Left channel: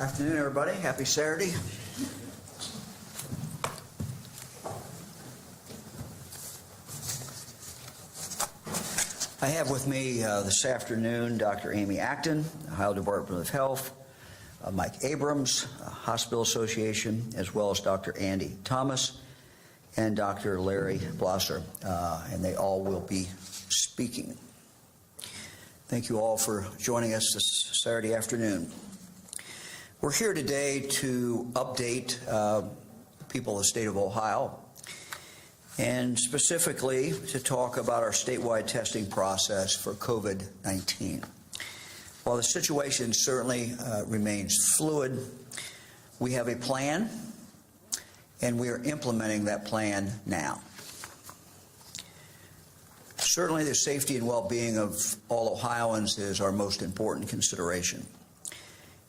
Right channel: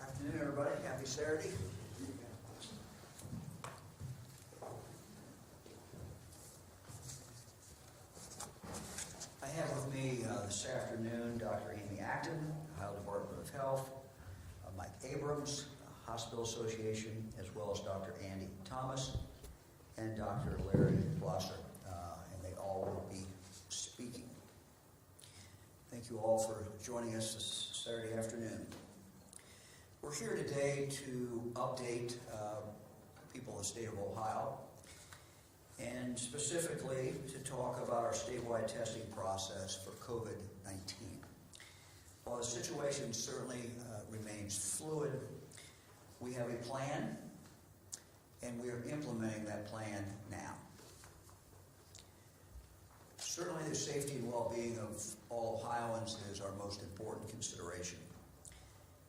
Afternoon, everybody. Happy Saturday. I have with me this afternoon Dr. Amy Acton, Ohio Department of Health, Mike Abrams, Hospital Association, as well as Dr. Andy Thomas and Dr. Larry Blosser, and they all will be speaking. Thank you all for joining us this Saturday afternoon. We're here today to update people of the state of Ohio, and specifically to talk about our statewide testing process for COVID-19. While the situation certainly remains fluid, we have a plan, and we are implementing that plan now. Certainly the safety and well-being of all Ohioans is our most important consideration.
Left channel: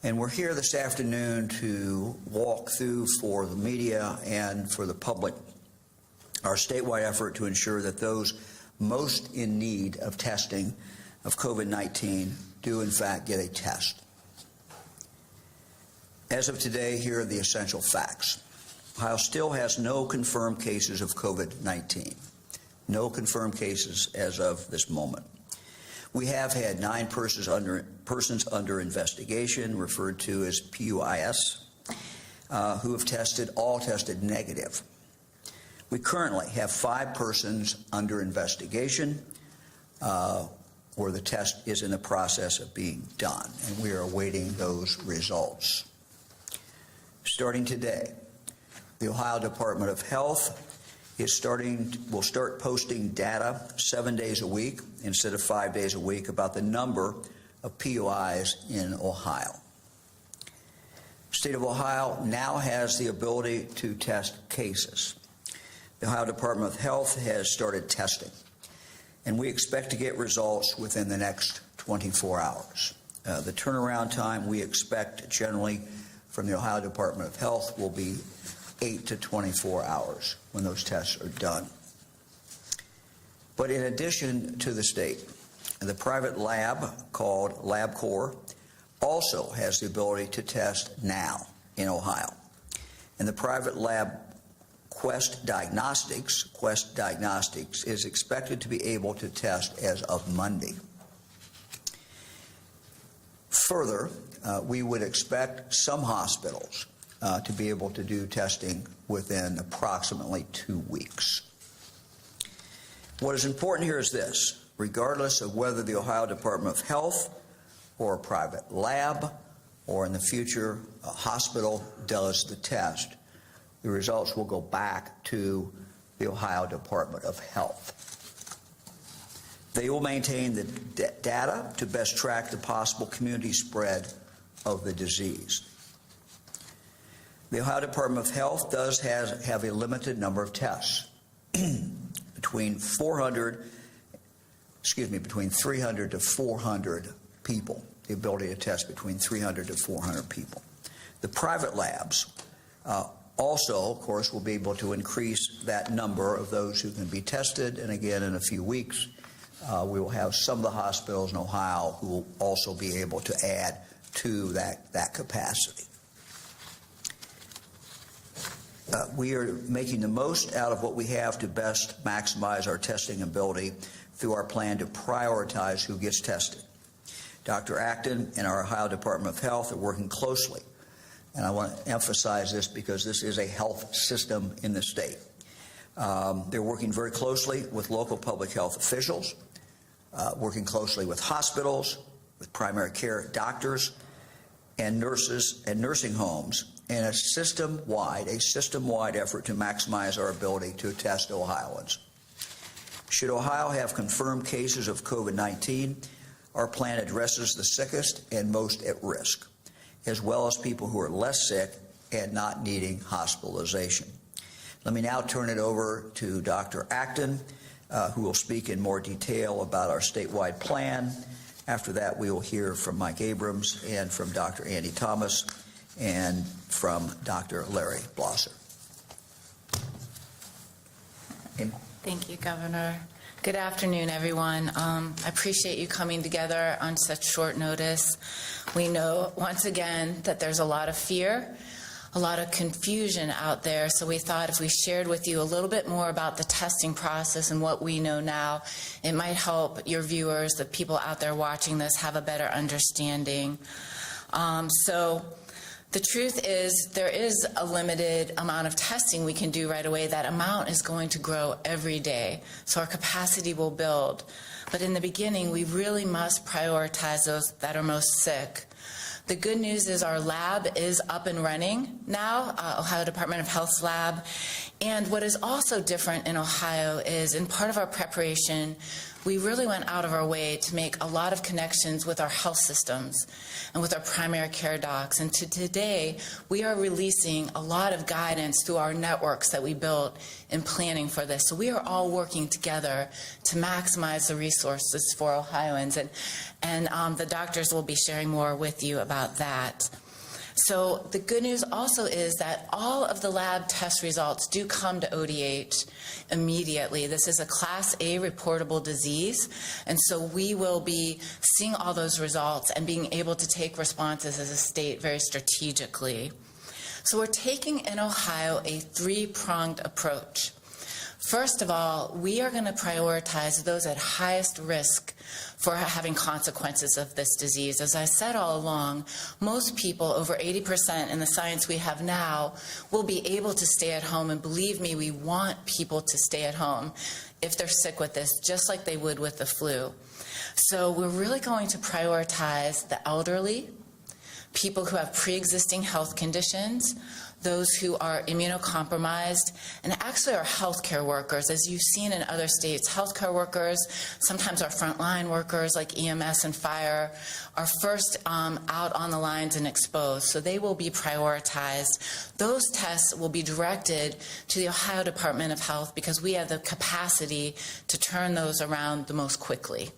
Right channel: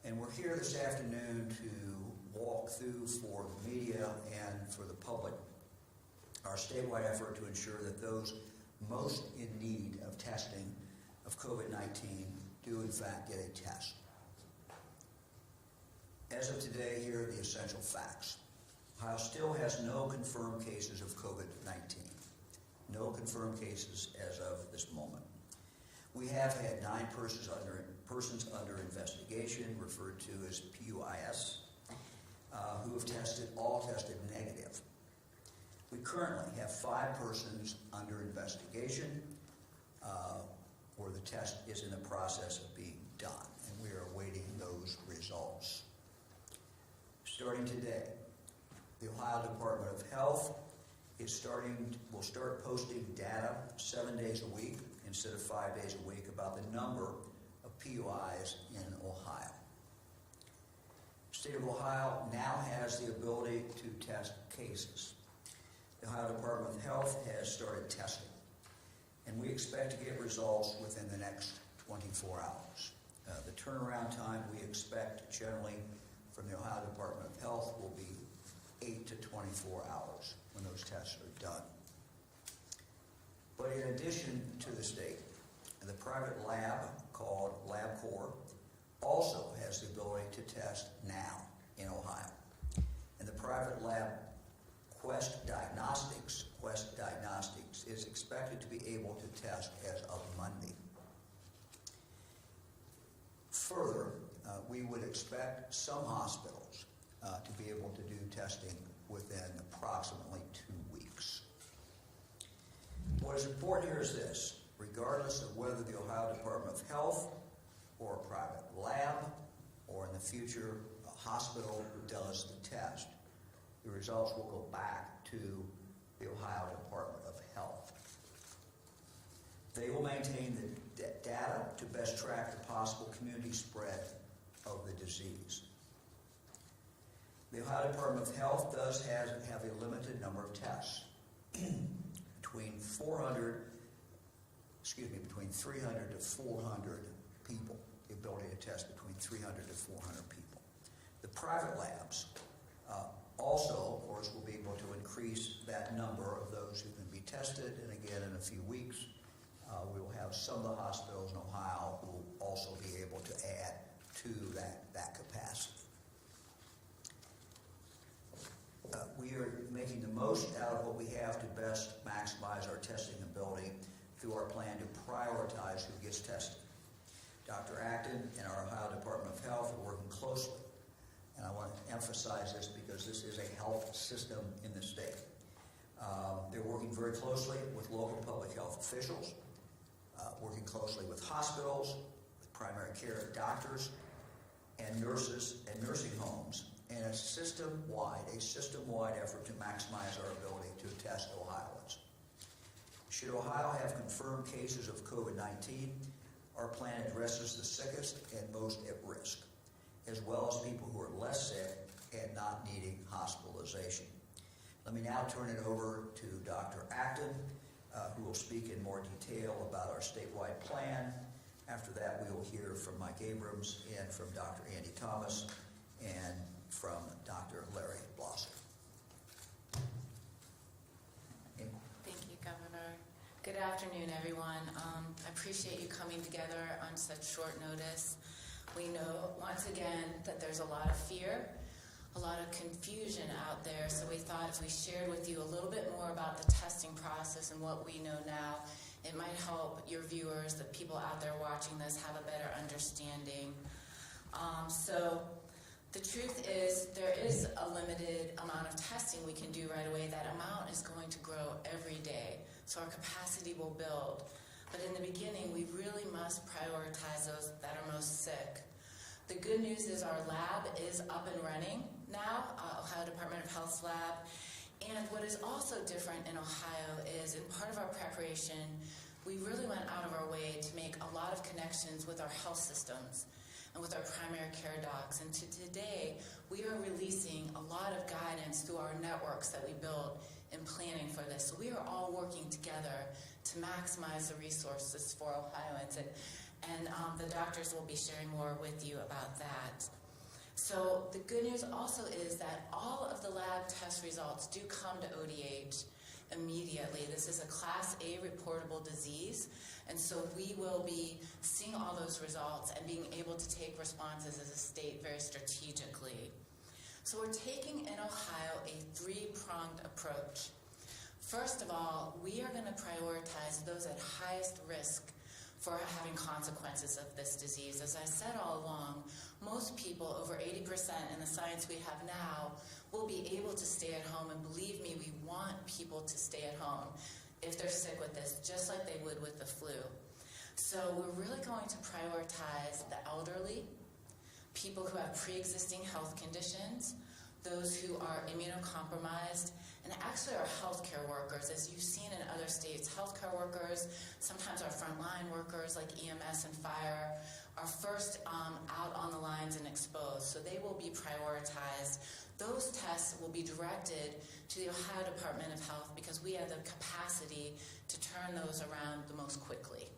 And we're here this afternoon to walk through for the media and for the public our statewide effort to ensure that those most in need of testing of COVID-19 do in fact get a test. As of today, here are the essential facts. Ohio still has no confirmed cases of COVID-19. No confirmed cases as of this moment. We have had 9 persons under investigation, referred to as PUIS, who have all tested negative. We currently have 5 persons under investigation where the test is in the process of being done, and we are awaiting those results. Starting today, the Ohio Department of Health will start posting data 7 days a week instead of 5 days a week about the number of PUIs in Ohio. The state of Ohio now has the ability to test cases. The Ohio Department of Health has started testing, and we expect to get results within the next 24 hours. The turnaround time we expect generally from the Ohio Department of Health will be 8 to 24 hours when those tests are done. But in addition to the state, the private lab called LabCorp also has the ability to test now in Ohio. And the private lab Quest Diagnostics is expected to be able to test as of Monday. Further, we would expect some hospitals to be able to do testing within approximately 2 weeks. What is important here is this: regardless of whether the Ohio Department of Health or a private lab or in the future a hospital does the test, the results will go back to the Ohio Department of Health. They will maintain the data to best track the possible community spread of the disease. The Ohio Department of Health does have a limited number of tests, between 300 to 400 people, the ability to test between 300 to 400 people. The private labs also, of course, will be able to increase that number of those who can be tested, and again, in a few weeks, we will have some of the hospitals in Ohio who will also be able to add to that capacity. We are making the most out of what we have to best maximize our testing ability through our plan to prioritize who gets tested. Dr. Acton and our Ohio Department of Health are working closely, and I want to emphasize this because this is a health system in the state. They're working very closely with local public health officials, working closely with hospitals, with primary care doctors, and nurses and nursing homes, in a system-wide effort to maximize our ability to test Ohioans. Should Ohio have confirmed cases of COVID-19, our plan addresses the sickest and most at risk, as well as people who are less sick and not needing hospitalization. Let me now turn it over to Dr. Acton, who will speak in more detail about our statewide plan. After that, we will hear from Mike Abrams and from Dr. Andy Thomas and from Dr. Larry Blosser. Thank you, Governor. Good afternoon, everyone. I appreciate you coming together on such short notice. We know, once again, that there's a lot of fear, a lot of confusion out there, so we thought if we shared with you a little bit more about the testing process and what we know now, it might help your viewers, the people out there watching this, have a better understanding. The truth is, there is a limited amount of testing we can do right away. That amount is going to grow every day, so our capacity will build. But in the beginning, we really must prioritize those that are most sick. The good news is our lab is up and running now, Ohio Department of Health's lab. And what is also different in Ohio is, in part of our preparation, we really went out of our way to make a lot of connections with our health systems and with our primary care docs. And today, we are releasing a lot of guidance through our networks that we built in planning for this. So we are all working together to maximize the resources for Ohioans. And the doctors will be sharing more with you about that. So the good news also is that all of the lab test results do come to ODH immediately. This is a Class A reportable disease, and so we will be seeing all those results and being able to take responses as a state very strategically. So we're taking in Ohio a three-pronged approach. First of all, we are going to prioritize those at highest risk for having consequences of this disease. As I said all along, most people, over 80% in the science we have now, will be able to stay at home, and believe me, we want people to stay at home if they're sick with this, just like they would with the flu. So we're really going to prioritize the elderly, people who have pre-existing health conditions, those who are immunocompromised, and actually our healthcare workers. As you've seen in other states, healthcare workers, sometimes our frontline workers like EMS and fire, are first out on the lines and exposed, so they will be prioritized. Those tests will be directed to the Ohio Department of Health because we have the capacity to turn those around the most quickly.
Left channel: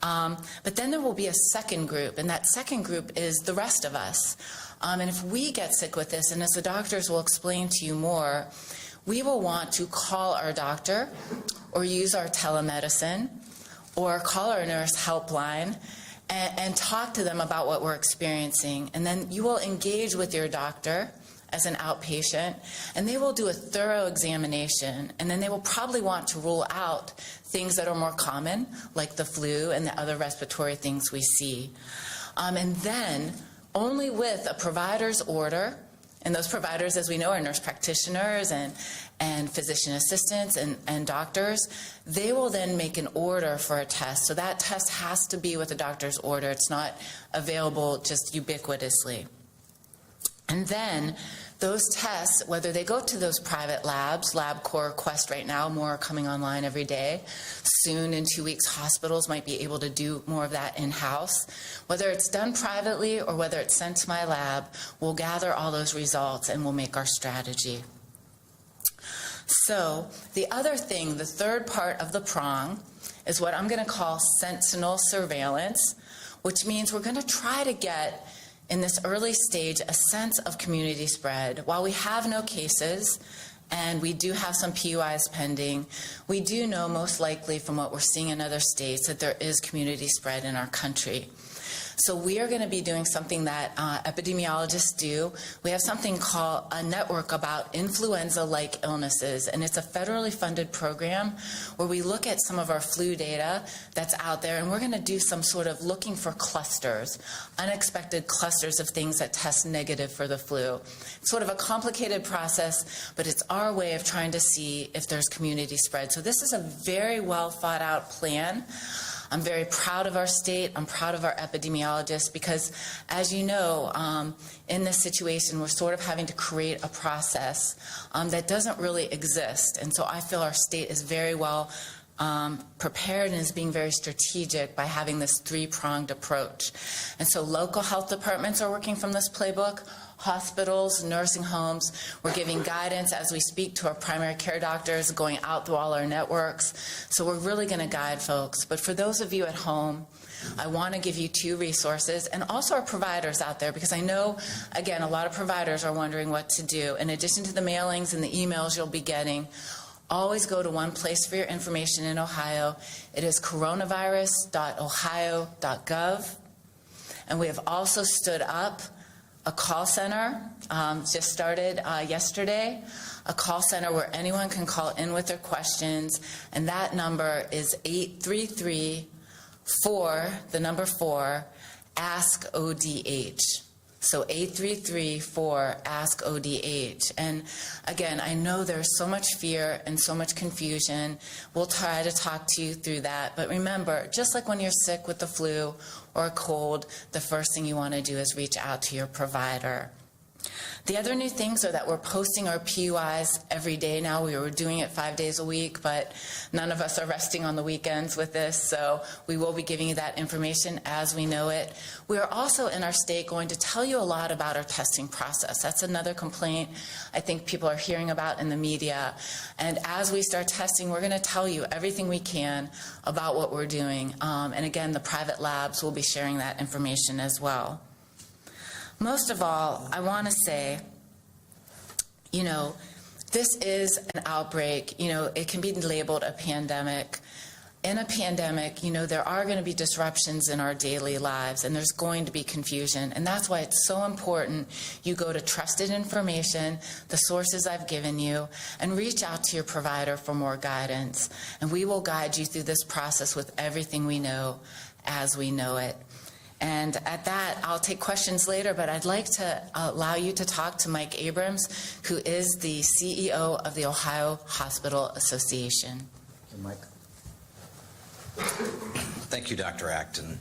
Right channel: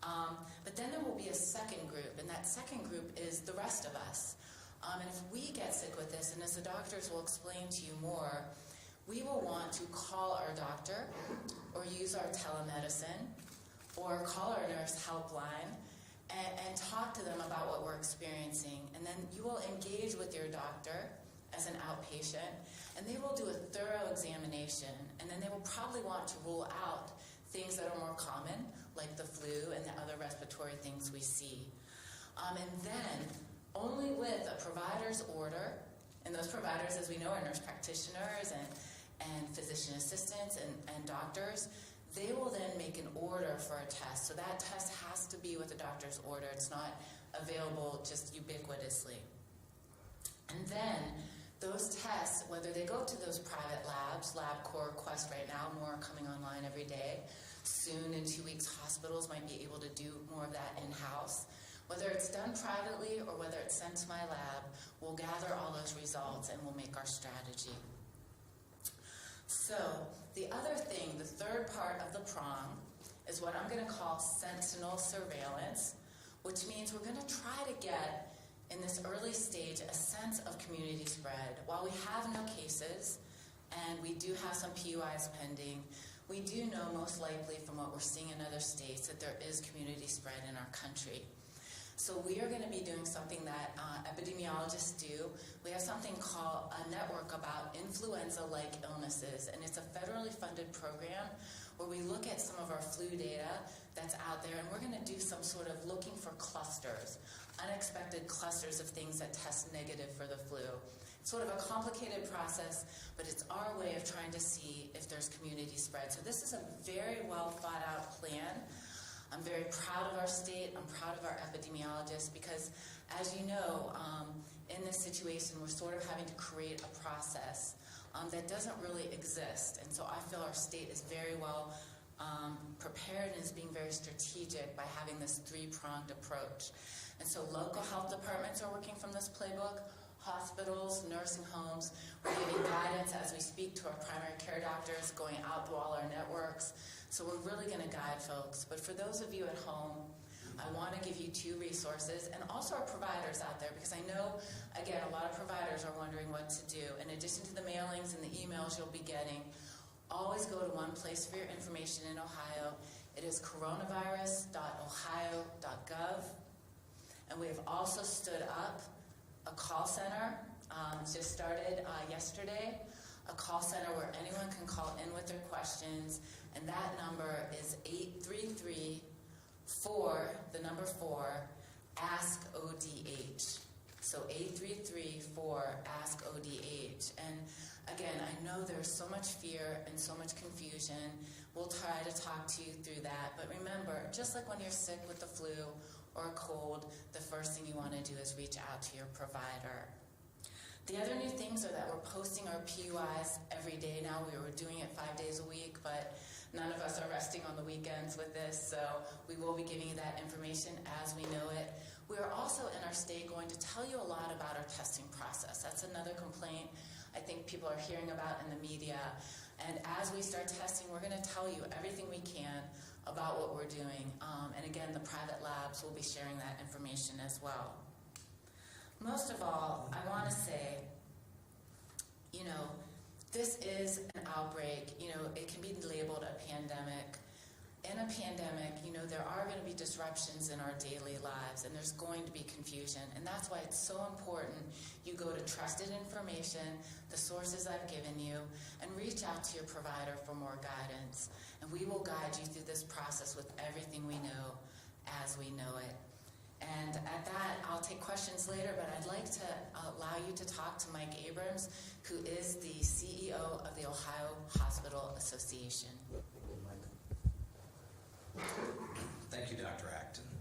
But then there will be a second group, and that second group is the rest of us. And if we get sick with this, and as the doctors will explain to you more, we will want to call our doctor or use our telemedicine or call our nurse helpline and talk to them about what we're experiencing. And then you will engage with your doctor as an outpatient, and they will do a thorough examination, and then they will probably want to rule out things that are more common, like the flu and the other respiratory things we see. And then, only with a provider's order, and those providers, as we know, are nurse practitioners and physician assistants and doctors, they will then make an order for a test. So that test has to be with a doctor's order. It's not available just ubiquitously. And then those tests, whether they go to those private labs, LabCorp, Quest right now, more are coming online every day. Soon, in 2 weeks, hospitals might be able to do more of that in-house. Whether it's done privately or whether it's sent to my lab, we'll gather all those results and we'll make our strategy. So the other thing, the third part of the prong, is what I'm going to call Sentinel Surveillance, which means we're going to try to get, in this early stage, a sense of community spread. While we have no cases, and we do have some PUIs pending, we do know most likely from what we're seeing in other states that there is community spread in our country. So we are going to be doing something that epidemiologists do. We have something called a network about influenza-like illnesses, and it's a federally funded program where we look at some of our flu data that's out there, and we're going to do some sort of looking for clusters, unexpected clusters of things that test negative for the flu. It's sort of a complicated process, but it's our way of trying to see if there's community spread. So this is a very well thought out plan. I'm very proud of our state. I'm proud of our epidemiologists because, as you know, in this situation, we're sort of having to create a process that doesn't really exist. And so I feel our state is very well prepared and is being very strategic by having this three-pronged approach. And so local health departments are working from this playbook. Hospitals, nursing homes, we're giving guidance as we speak to our primary care doctors, going out through all our networks. So we're really going to guide folks. But for those of you at home, I want to give you two resources, and also our providers out there, because I know, again, a lot of providers are wondering what to do. In addition to the mailings and the emails you'll be getting, Always go to one place for your information in Ohio. It is coronavirus.ohio.gov. And we have also stood up a call center, just started yesterday, a call center where anyone can call in with their questions, and that number is 833-4-ASK-ODH. So 833-4-ASK-ODH. And again, I know there's so much fear and so much confusion. We'll try to talk to you through that. But remember, just like when you're sick with the flu or a cold, the first thing you want to do is reach out to your provider. The other new things are that we're posting our PUIs every day now. We were doing it 5 days a week, but none of us are resting on the weekends with this, so we will be giving you that information as we know it. We are also in our state going to tell you a lot about our testing process. That's another complaint I think people are hearing about in the media. And as we start testing, we're going to tell you everything we can about what we're doing. And again, the private labs will be sharing that information as well. Most of all, I want to say, this is an outbreak. It can be labeled a pandemic. In a pandemic, there are going to be disruptions in our daily lives, and there's going to be confusion. And that's why it's so important you go to trusted information, the sources I've given you, and reach out to your provider for more guidance. And we will guide you through this process with everything we know as we know it. And at that, I'll take questions later, but I'd like to allow you to talk to Mike Abrams, who is the CEO of the Ohio Hospital Association. Mike. Thank you, Dr. Acton.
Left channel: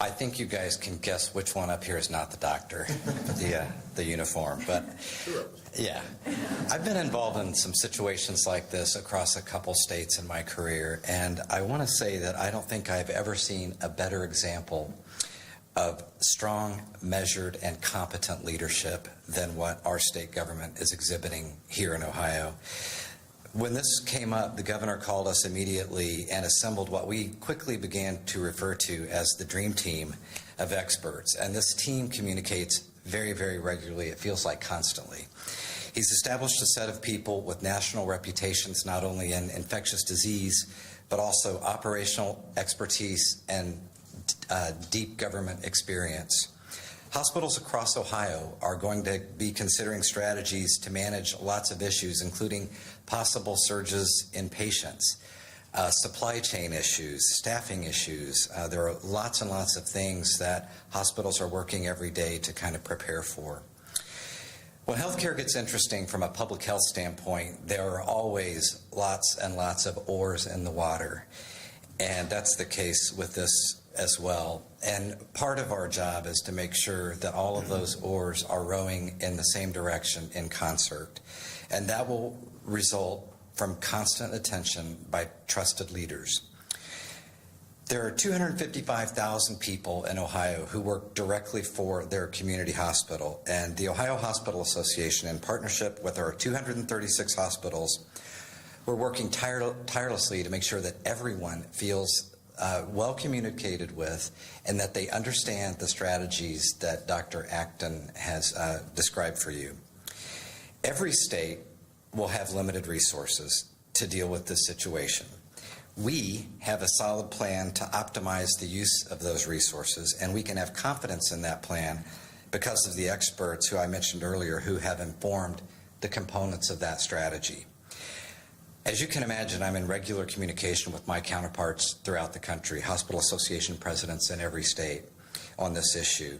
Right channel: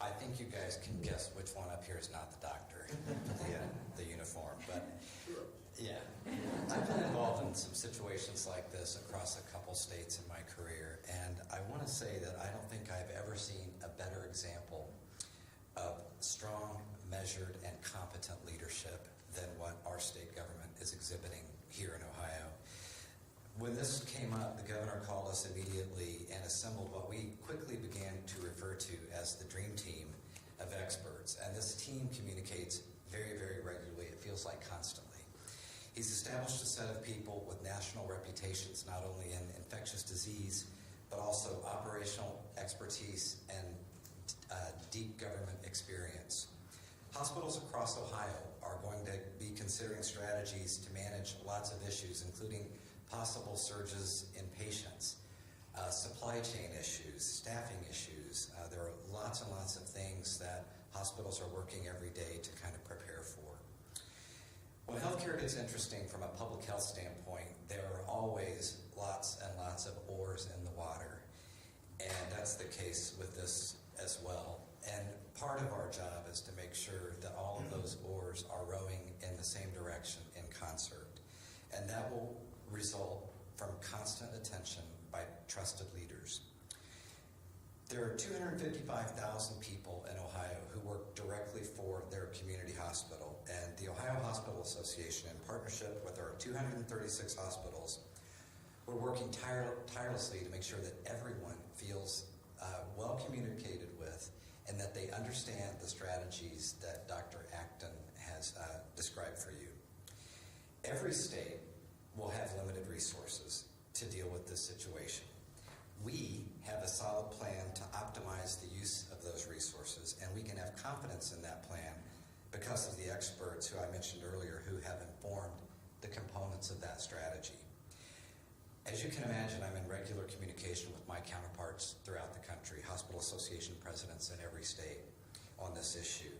I think you guys can guess which one up here is not the doctor, the uniform. But yeah, I've been involved in some situations like this across a couple states in my career, and I want to say that I don't think I've ever seen a better example of strong, measured, and competent leadership than what our state government is exhibiting here in Ohio. When this came up, the governor called us immediately and assembled what we quickly began to refer to as the dream team of experts. And this team communicates very, very regularly. It feels like constantly. He's established a set of people with national reputations, not only in infectious disease, but also operational expertise and deep government experience. Hospitals across Ohio are going to be considering strategies to manage lots of issues, including possible surges in patients, supply chain issues, staffing issues. There are lots and lots of things that hospitals are working every day to kind of prepare for. When healthcare gets interesting from a public health standpoint, there are always lots and lots of oars in the water. And that's the case with this as well. And part of our job is to make sure that all of those oars are rowing in the same direction in concert. And that will result from constant attention by trusted leaders. There are 255,000 people in Ohio who work directly for their community hospital, and the Ohio Hospital Association, in partnership with our 236 hospitals, we're working tirelessly to make sure that everyone feels well communicated with and that they understand the strategies that Dr. Acton has described for you. Every state will have limited resources to deal with this situation. We have a solid plan to optimize the use of those resources, and we can have confidence in that plan because of the experts who I mentioned earlier who have informed the components of that strategy. As you can imagine, I'm in regular communication with my counterparts throughout the country, hospital association presidents in every state on this issue.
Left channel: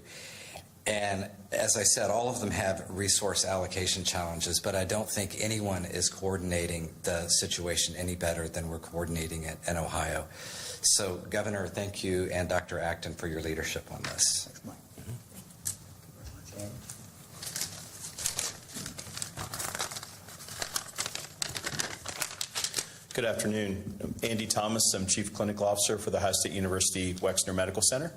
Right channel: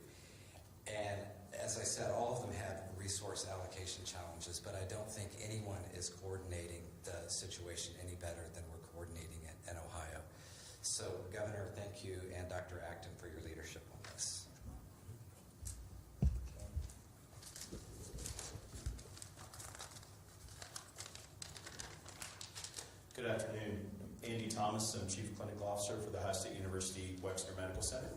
And as I said, all of them have resource allocation challenges, but I don't think anyone is coordinating the situation any better than we're coordinating it in Ohio. So, Governor, thank you, and Dr. Acton for your leadership on this. Thanks, Mike. Good afternoon. I'm Andy Thomas. I'm Chief Clinical Officer for the Ohio State University Wexner Medical Center.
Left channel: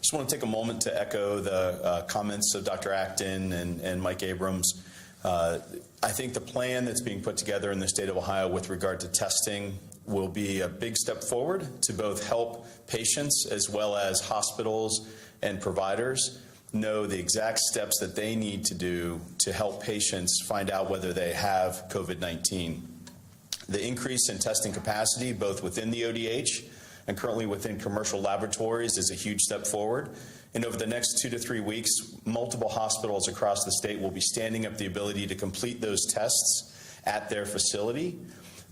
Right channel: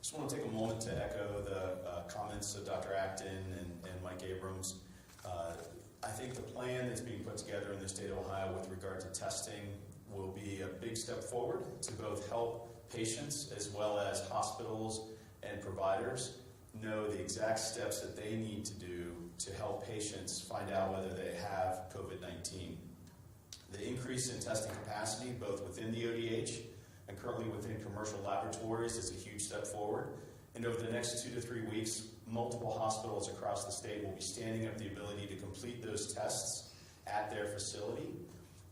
Just want to take a moment to echo the comments of Dr. Acton and Mike Abrams. I think the plan that's being put together in the state of Ohio with regard to testing will be a big step forward to both help patients as well as hospitals and providers know the exact steps that they need to do to help patients find out whether they have COVID-19. The increase in testing capacity, both within the ODH and currently within commercial laboratories, is a huge step forward. And over the next 2 to 3 weeks, multiple hospitals across the state will be standing up the ability to complete those tests at their facility.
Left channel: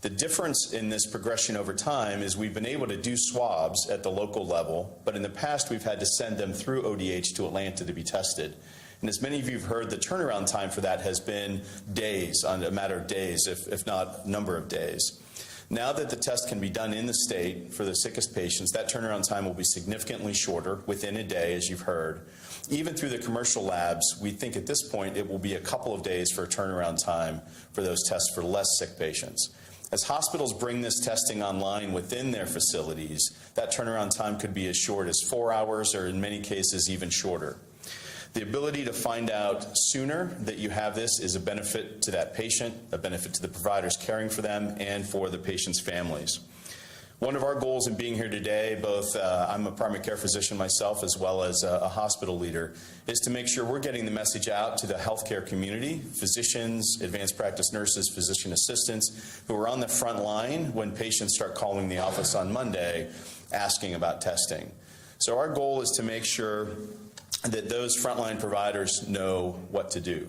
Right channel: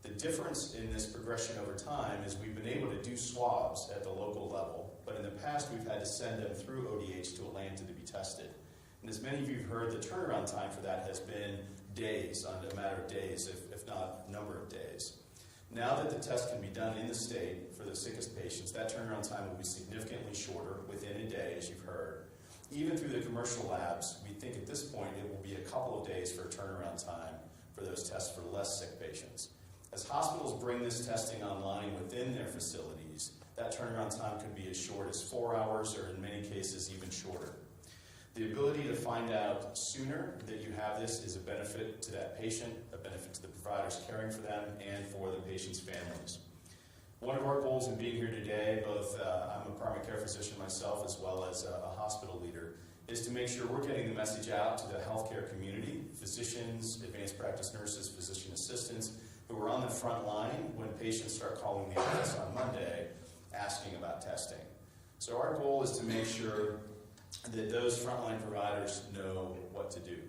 The difference in this progression over time is we've been able to do swabs at the local level, but in the past we've had to send them through ODH to Atlanta to be tested. And as many of you have heard, the turnaround time for that has been days, on a matter of days, if not number of days. Now that the test can be done in the state for the sickest patients, that turnaround time will be significantly shorter, within a day, as you've heard. Even through the commercial labs, we think at this point it will be a couple of days for a turnaround time for those tests for less sick patients. As hospitals bring this testing online within their facilities, that turnaround time could be as short as 4 hours, or in many cases even shorter. The ability to find out sooner that you have this is a benefit to that patient, a benefit to the providers caring for them, and for the patient's families. One of our goals in being here today, both I'm a primary care physician myself as well as a hospital leader, is to make sure we're getting the message out to the healthcare community, physicians, advanced practice nurses, physician assistants, who are on the front line when patients start calling the office on Monday asking about testing. So our goal is to make sure that those frontline providers know what to do.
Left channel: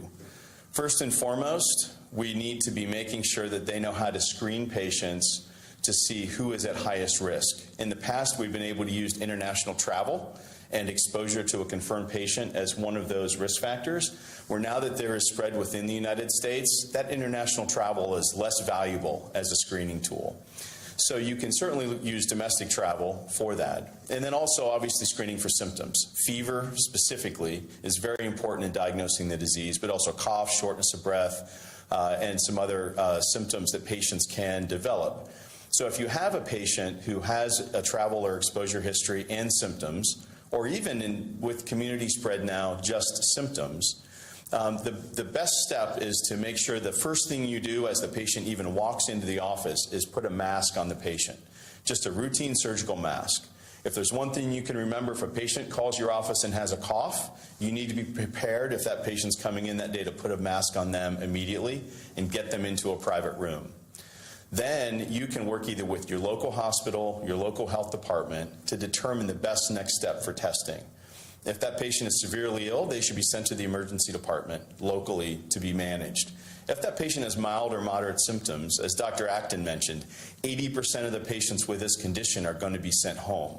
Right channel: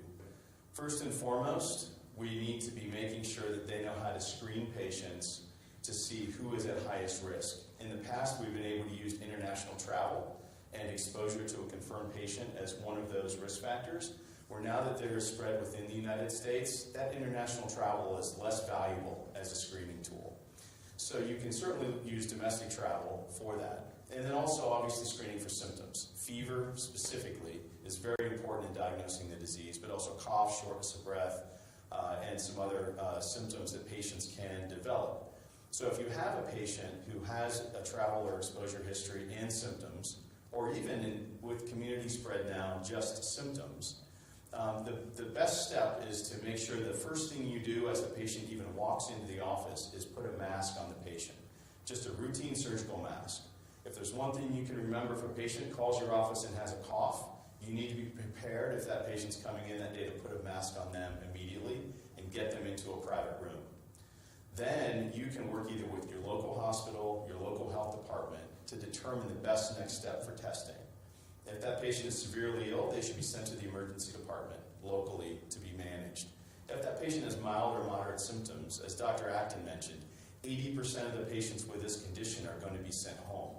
First and foremost, we need to be making sure that they know how to screen patients to see who is at highest risk. In the past, we've been able to use international travel and exposure to a confirmed patient as one of those risk factors, where now that there is spread within the United States, that international travel is less valuable as a screening tool. So you can certainly use domestic travel for that. And then also obviously screening for symptoms. Fever specifically is very important in diagnosing the disease, but also cough, shortness of breath, and some other symptoms that patients can develop. So if you have a patient who has a travel or exposure history and symptoms, or even with community spread now, just symptoms, the best step is to make sure the first thing you do as the patient even walks into the office is put a mask on the patient, just a routine surgical mask. If there's one thing you can remember, if a patient calls your office and has a cough, you need to be prepared if that patient's coming in that day to put a mask on them immediately and get them into a private room. Then you can work either with your local hospital, your local health department to determine the best next step for testing. If that patient is severely ill, they should be sent to the emergency department locally to be managed. If that patient has mild or moderate symptoms, as Dr. Acton mentioned, 80% of the patients with this condition are going to be sent home.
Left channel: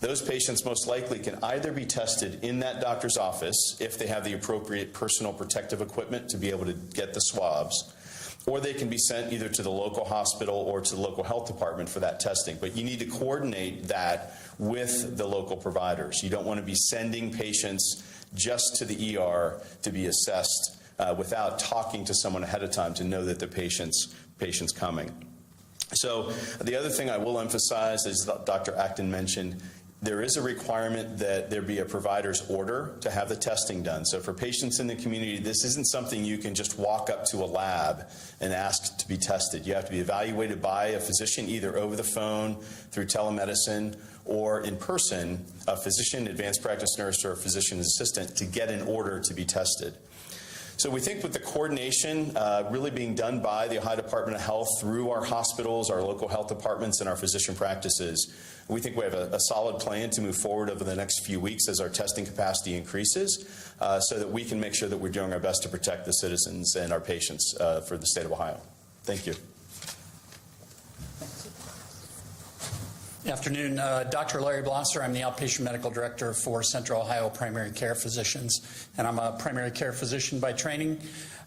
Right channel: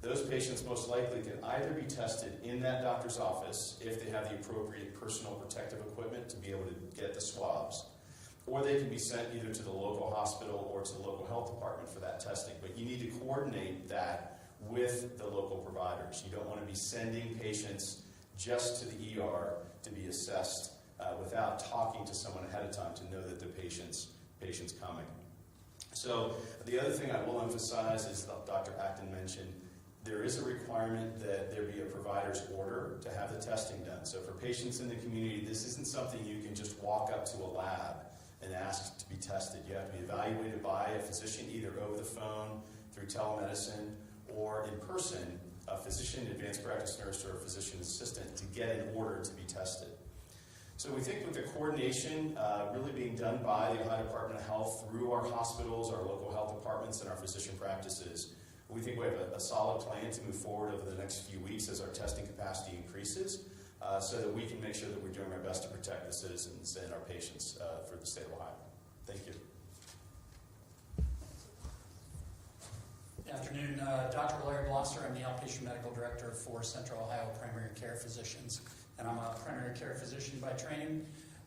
Those patients most likely can either be tested in that doctor's office if they have the appropriate personal protective equipment to be able to get the swabs, or they can be sent either to the local hospital or to the local health department for that testing. But you need to coordinate that with the local providers. You don't want to be sending patients just to the ER to be assessed without talking to someone ahead of time to know that the patient's coming. So the other thing I will emphasize, as Dr. Acton mentioned, there is a requirement that there be a provider's order to have the testing done. So for patients in the community, this isn't something you can just walk up to a lab and ask to be tested. You have to be evaluated by a physician, either over the phone, through telemedicine, or in person, a physician, advanced practice nurse, or a physician assistant to get an order to be tested. So we think with the coordination really being done by the Ohio Department of Health through our hospitals, our local health departments, and our physician practices, we think we have a solid plan to move forward over the next few weeks as our testing capacity increases so that we can make sure that we're doing our best to protect the citizens and our patients for the state of Ohio. Thank you. Good afternoon. Dr. Larry Blosser. I'm the outpatient medical director for Central Ohio Primary Care Physicians, and I'm a primary care physician by training.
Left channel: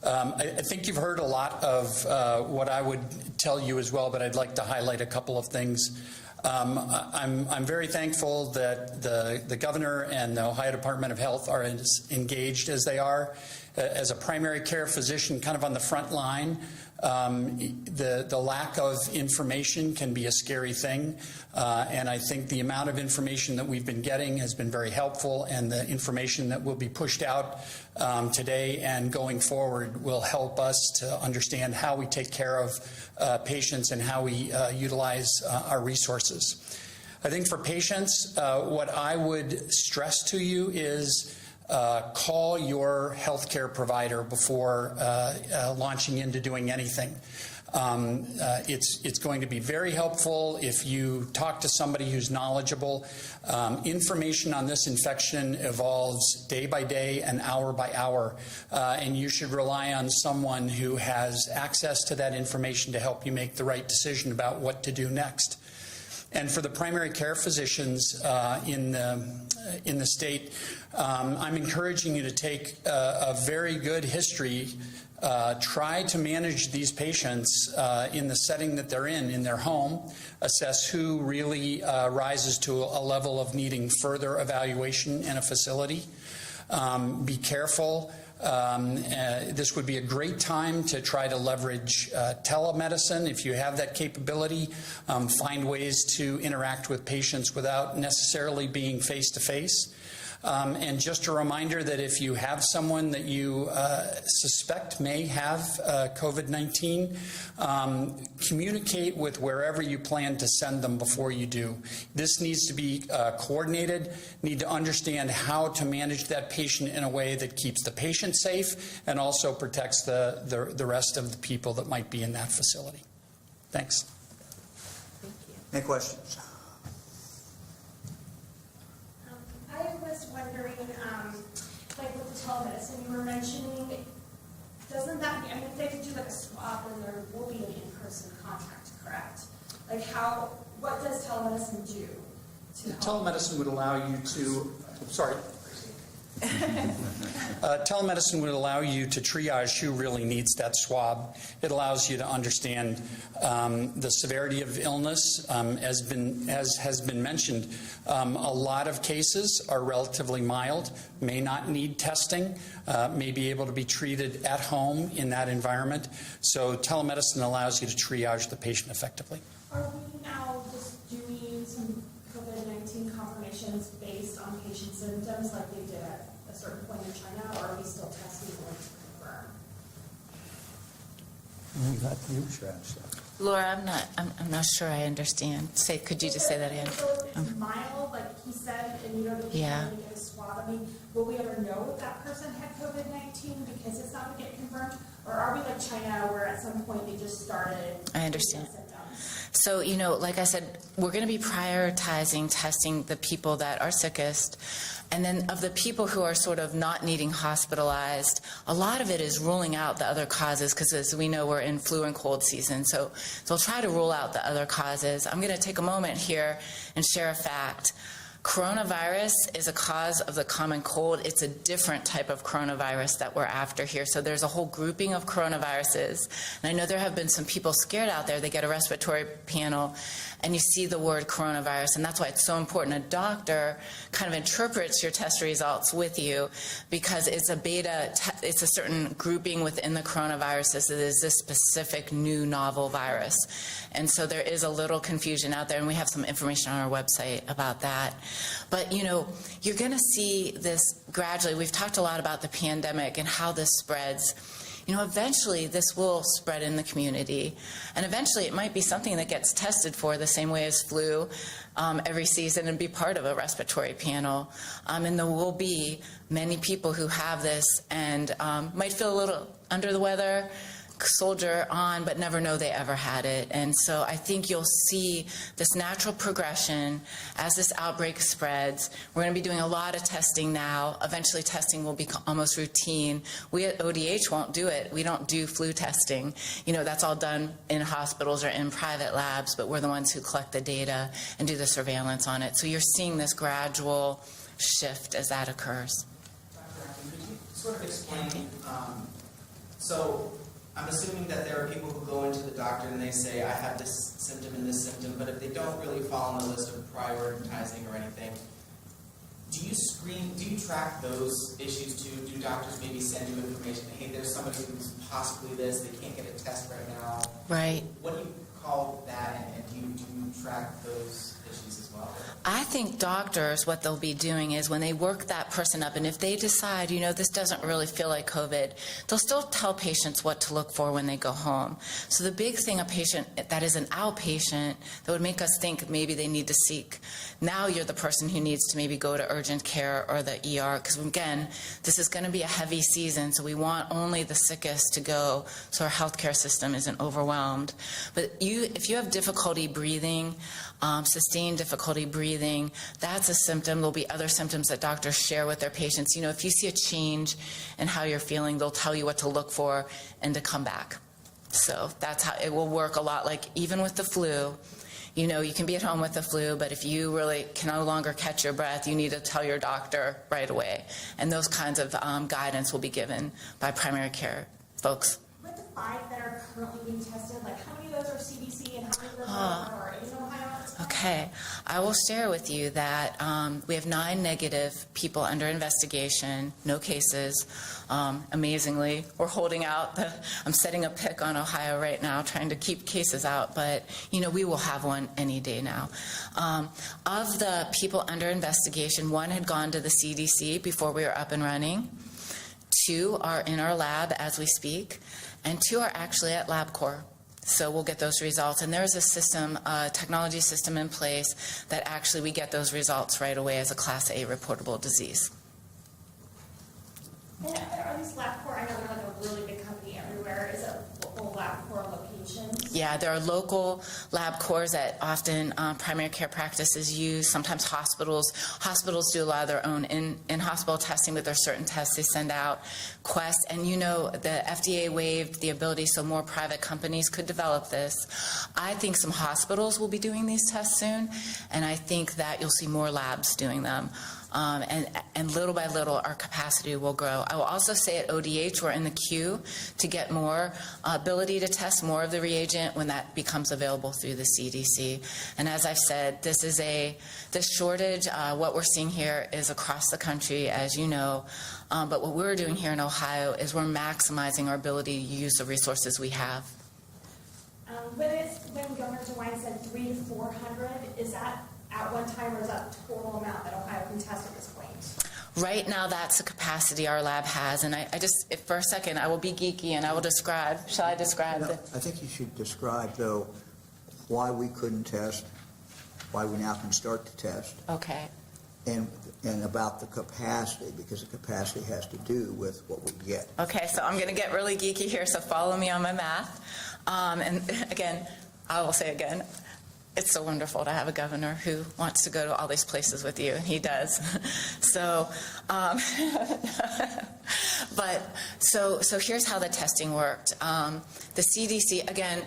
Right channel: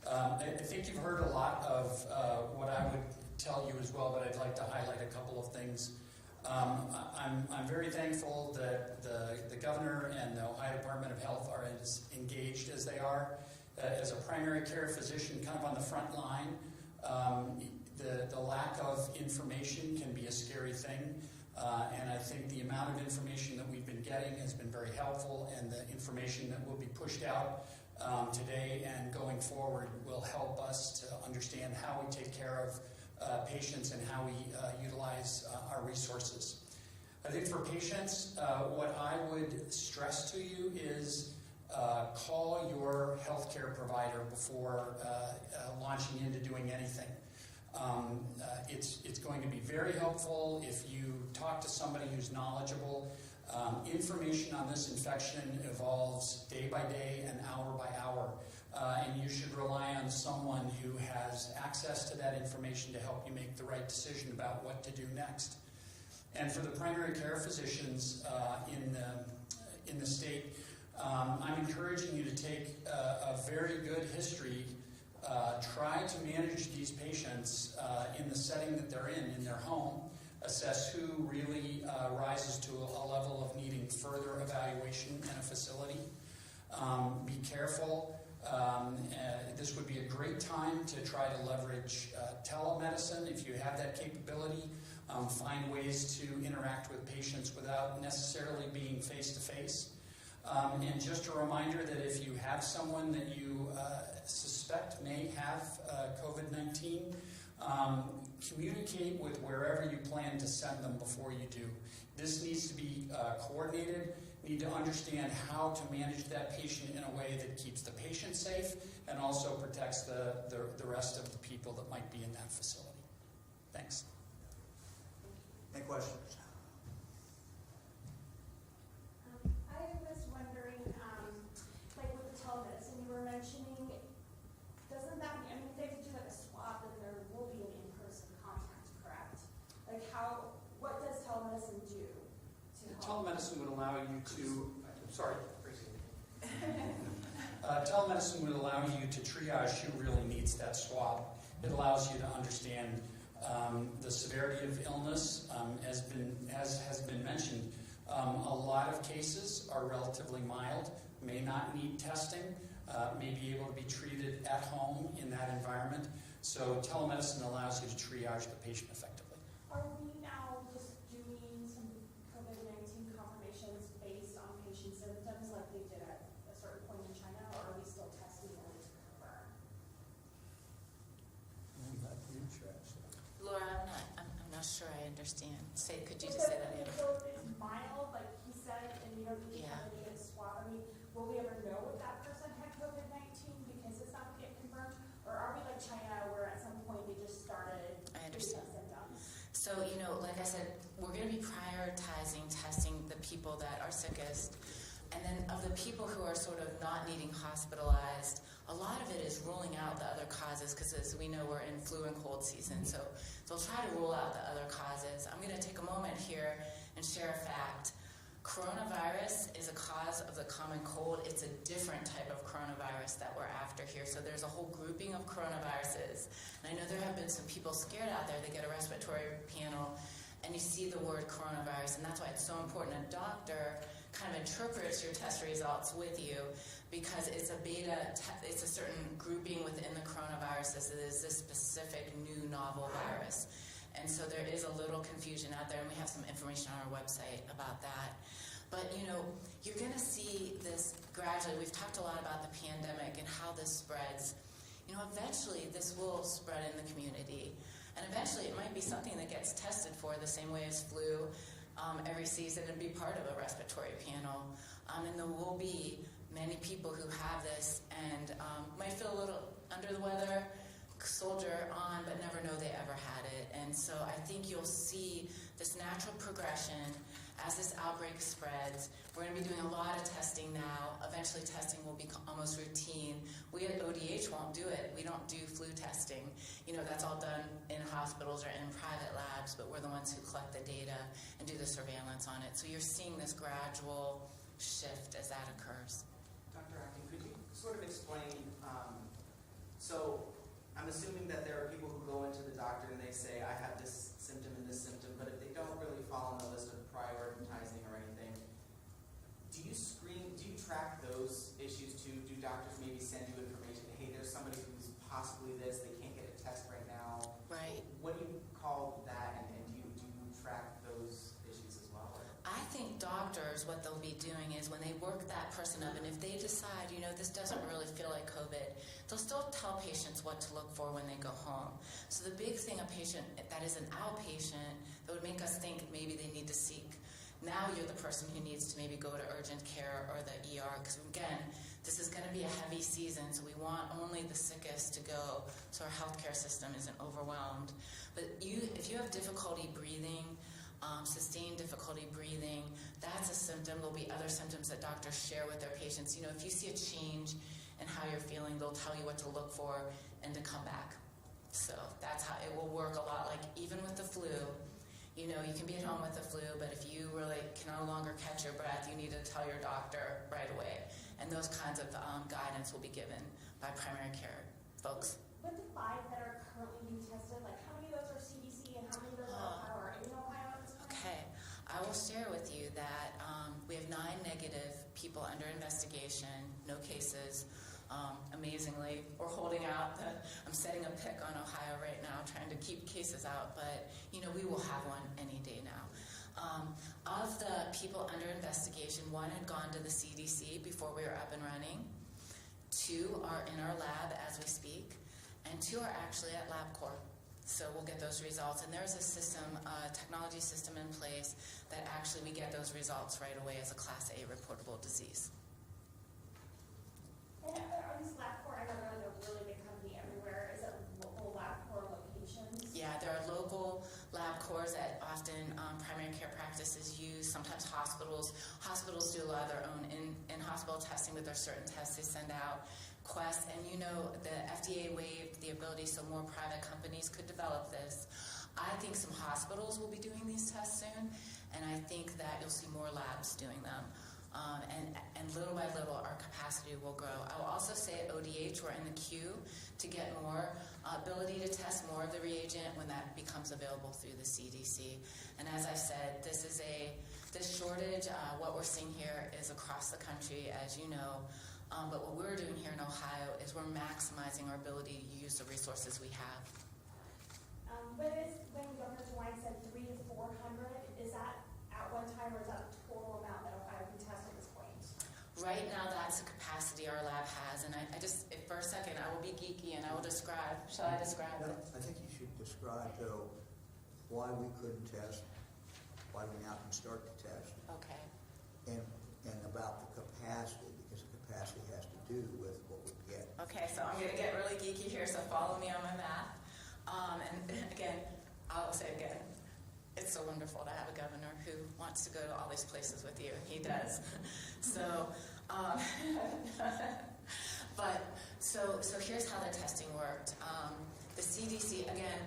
I think you've heard a lot of what I would tell you as well, but I'd like to highlight a couple of things. I'm very thankful that the governor and the Ohio Department of Health are as engaged as they are. As a primary care physician, kind of on the front line, the lack of information can be a scary thing, and I think the amount of information that we've been getting has been very helpful, and the information that will be pushed out today and going forward will help us to understand how we take care of patients and how we utilize our resources. I think for patients, what I would stress to you is call your healthcare provider before launching into doing anything. It's going to be very helpful if you talk to somebody who's knowledgeable. Information on this infection evolves day by day and hour by hour, and you should rely on someone who has access to that information to help you make the right decision about what to do next. And for the primary care physicians in the state, I'm encouraging you to take a very good history. Try to manage these patients in the setting that they're in their home, assess who really rises to a level of needing further evaluation in a facility. Be careful. This would be a great time to try to leverage telemedicine if you have that capability. Find ways to interact with patients without necessarily being face-to-face. And just a reminder that if you have someone that you suspect may have COVID-19, communicate with wherever you plan to send them before you do. This needs to be coordinated, need to understand how to manage that patient in a way that keeps the patient safe and also protects the rest of the people that might be in that facility. Thanks. Any questions? I was wondering, like with the telemedicine you were mentioning, doesn't that, I mean, if they could do like a swab, then there will be an in-person contact, correct? Like what does telemedicine do? Telemedicine would allow you to, telemedicine would allow you to triage who really needs that swab. It allows you to understand the severity of illness. As has been mentioned, a lot of cases are relatively mild, may not need testing, may be able to be treated at home in that environment. So telemedicine allows you to triage the patient effectively. Are we now just doing some COVID-19 confirmations based on patient symptoms like they did at a certain point in China, or are we still testing only to confirm? Laura, I'm not sure I understand. Could you just say that again? So if it's mild, like he said, and you know that you Yeah. can get a swab, I mean, will we ever know if that person had COVID-19 because it's not going to get confirmed? Or are we like China where at some point they just started I understand. symptoms? So, like I said, we're going to be prioritizing testing the people that are sickest. And then of the people who are sort of not needing hospitalized, a lot of it is ruling out the other causes because as we know, we're in flu and cold season. So we'll try to rule out the other causes. I'm going to take a moment here and share a fact. Coronavirus is a cause of the common cold. It's a different type of coronavirus that we're after here. So there's a whole grouping of coronaviruses. And I know there have been some people scared out there. They get a respiratory panel and you see the word coronavirus, and that's why it's so important. A doctor kind of interprets your test results with you because it's a it's a certain grouping within the coronaviruses. It is this specific new novel virus. And so there is a little confusion out there, and we have some information on our website about that. But, you're going to see this gradually. We've talked a lot about the pandemic and how this spreads. Eventually this will spread in the community, and eventually it might be something that gets tested for the same way as flu every season and be part of a respiratory panel. And there will be many people who have this and might feel a little under the weather, soldier on, but never know they ever had it. And so I think you'll see this natural progression as this outbreak spreads. We're going to be doing a lot of testing now. Eventually testing will be almost routine. We at ODH won't do it. We don't do flu testing. That's all done in hospitals or in private labs, but we're the ones who collect the data and do the surveillance on it. So you're seeing this gradual shift as that occurs. Dr. Acton, could you sort of explain, so I'm assuming that there are people who go into the doctor and they say, I have this symptom and this symptom, but if they don't really fall on the list of prioritizing or anything, do you track those issues too? Do doctors maybe send you information, hey, there's somebody who's possibly this, they can't get a test right now? Right. What do you call that, and do you track those issues as well? I think doctors, what they'll be doing is when they work that person up, and if they decide, this doesn't really feel like COVID, they'll still tell patients what to look for when they go home. So the big thing, a patient that is an outpatient, that would make us think maybe they need to seek, now you're the person who needs to maybe go to urgent care or the ER, because again, this is going to be a heavy season, so we want only the sickest to go so our healthcare system isn't overwhelmed. But if you have difficulty breathing, sustained difficulty breathing, that's a symptom. There'll be other symptoms that doctors share with their patients. If you see a change in how you're feeling, they'll tell you what to look for and to come back. So that's how it will work a lot. Like even with the flu, you can be at home with the flu, but if you really can no longer catch your breath, you need to tell your doctor right away. And those kinds of guidance will be given by primary care folks. With the 5 that are currently being tested, like how many of those are CDC and how many of those are in Ohio? Okay, I will share with you that we have 9 negative people under investigation, no cases. Amazingly, we're holding out. I'm setting a pick on Ohio right now, trying to keep cases out, but we will have one any day now. Of the people under investigation, 1 had gone to the CDC before we were up and running. 2 are in our lab as we speak, and 2 are actually at LabCorp. So we'll get those results. And there's a system, a technology system in place that actually we get those results right away as a Class A reportable disease. And are these LabCorp, I know they're like a really big company everywhere. Is it local LabCorp locations? Yeah, there are local LabCorps that often primary care practices use. Sometimes hospitals do a lot of their own in-hospital testing, but there are certain tests they send out. Quest, and the FDA waived the ability so more private companies could develop this. I think some hospitals will be doing these tests soon, and I think that you'll see more labs doing them. And little by little, our capacity will grow. I will also say at ODH, we're in the queue to get more ability to test more of the reagent when that becomes available through the CDC. And as I've said, this shortage, what we're seeing here is across the country, as you know. But what we're doing here in Ohio is we're maximizing our ability to use the resources we have. When Governor DeWine said 300 to 400, is that at one time, or is that the total amount that Ohio can test at this point? Right now, that's the capacity our lab has. And I just, for a second, I will be geeky and I will describe. Shall I describe it? I think you should describe, though, why we couldn't test, why we now can start to test, Okay. and about the capacity, because the capacity has to do with what we get. Okay, so I'm going to get really geeky here, so follow me on my math. And again, I will say again, it's so wonderful to have a governor who wants to go to all these places with you, and he does. So here's how the testing worked. The CDC, again,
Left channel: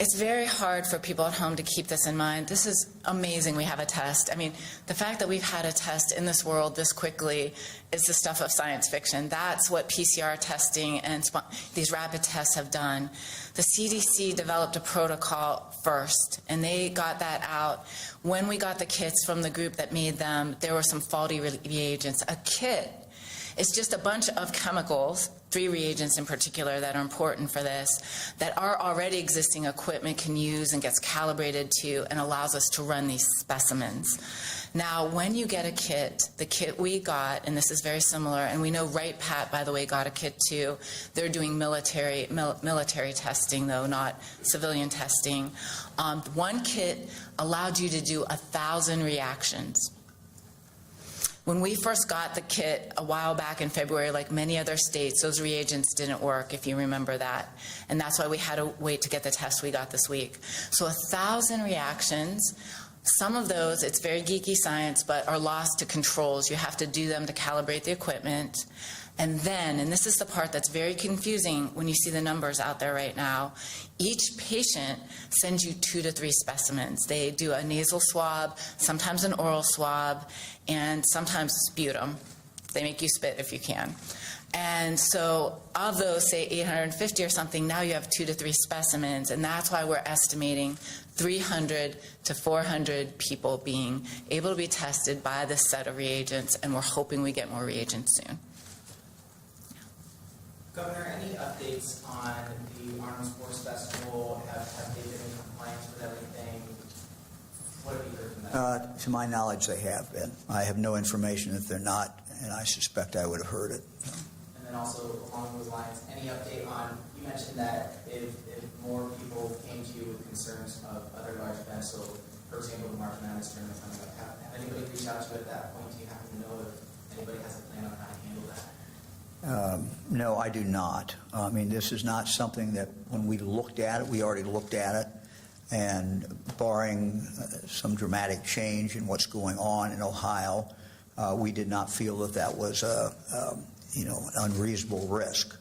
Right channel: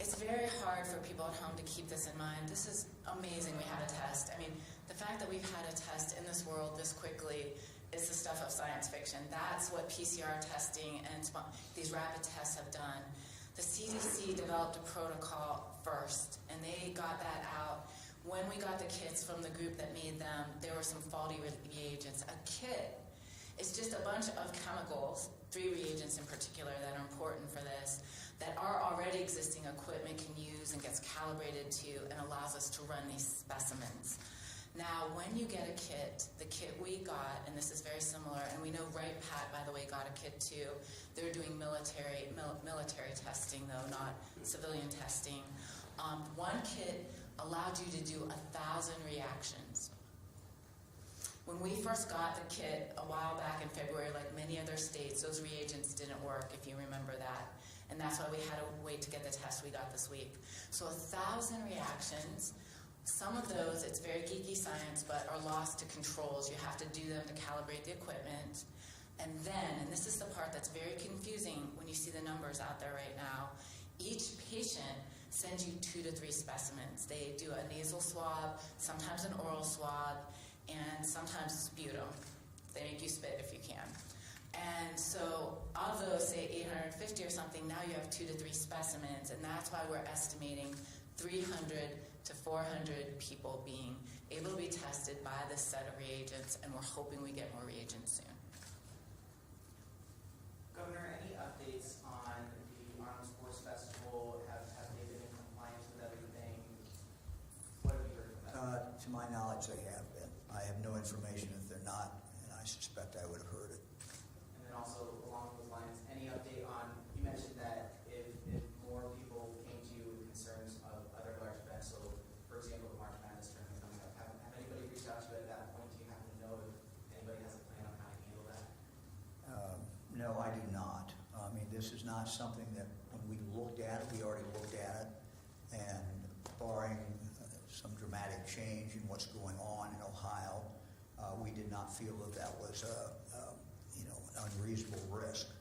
it's very hard for people at home to keep this in mind. This is amazing we have a test. I mean, the fact that we've had a test in this world this quickly is the stuff of science fiction. That's what PCR testing and these rapid tests have done. The CDC developed a protocol first, and they got that out. When we got the kits from the group that made them, there were some faulty reagents. A kit is just a bunch of chemicals, 3 reagents in particular that are important for this, that our already existing equipment can use and gets calibrated to and allows us to run these specimens. Now, when you get a kit, the kit we got, and this is very similar, and we know Right Pat, by the way, got a kit too. They're doing military testing, though, not civilian testing. One kit allowed you to do 1,000 reactions. When we first got the kit a while back in February, like many other states, those reagents didn't work, if you remember that. And that's why we had to wait to get the test we got this week. So 1,000 reactions. Some of those, it's very geeky science, but are lost to controls. You have to do them to calibrate the equipment. And then, and this is the part that's very confusing when you see the numbers out there right now, each patient sends you 2 to 3 specimens. They do a nasal swab, sometimes an oral swab, and sometimes sputum. They make you spit if you can. And so of those, say 850 or something, now you have 2 to 3 specimens, and that's why we're estimating 300 to 400 people being able to be tested by this set of reagents, and we're hoping we get more reagents soon. Governor, any updates on the Arnold Sports Festival? Have they been in compliance with everything? What have you heard from that? to my knowledge, they have been. I have no information that they're not, and I suspect I would have heard it. And then also along those lines, any update on, you mentioned that if more people came to you with concerns of other large events, so for example, the March Madness tournament coming up, have anybody reached out to you at that point? Do you happen to know if anybody has a plan on how to handle that? No, I do not. I mean, this is not something that when we looked at it, we already looked at it, and barring some dramatic change in what's going on in Ohio, we did not feel that that was an unreasonable risk.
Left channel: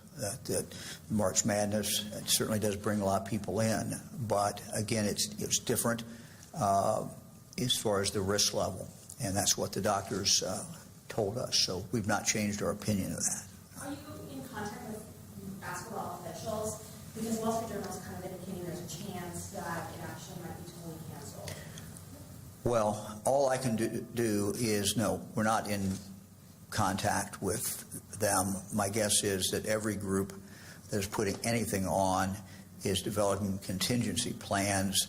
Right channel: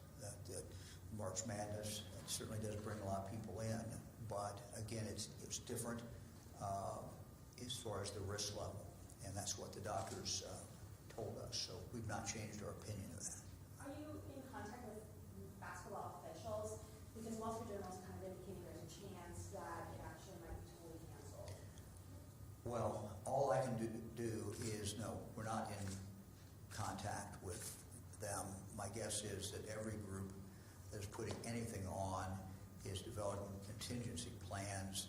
That March Madness, it certainly does bring a lot of people in, but again, it's different as far as the risk level, and that's what the doctors told us. So we've not changed our opinion of that. Are you in contact with basketball officials? Because Wall Street Journal is kind of indicating there's a chance that it actually might be totally canceled. Well, all I can do is no, we're not in contact with them. My guess is that every group that is putting anything on is developing contingency plans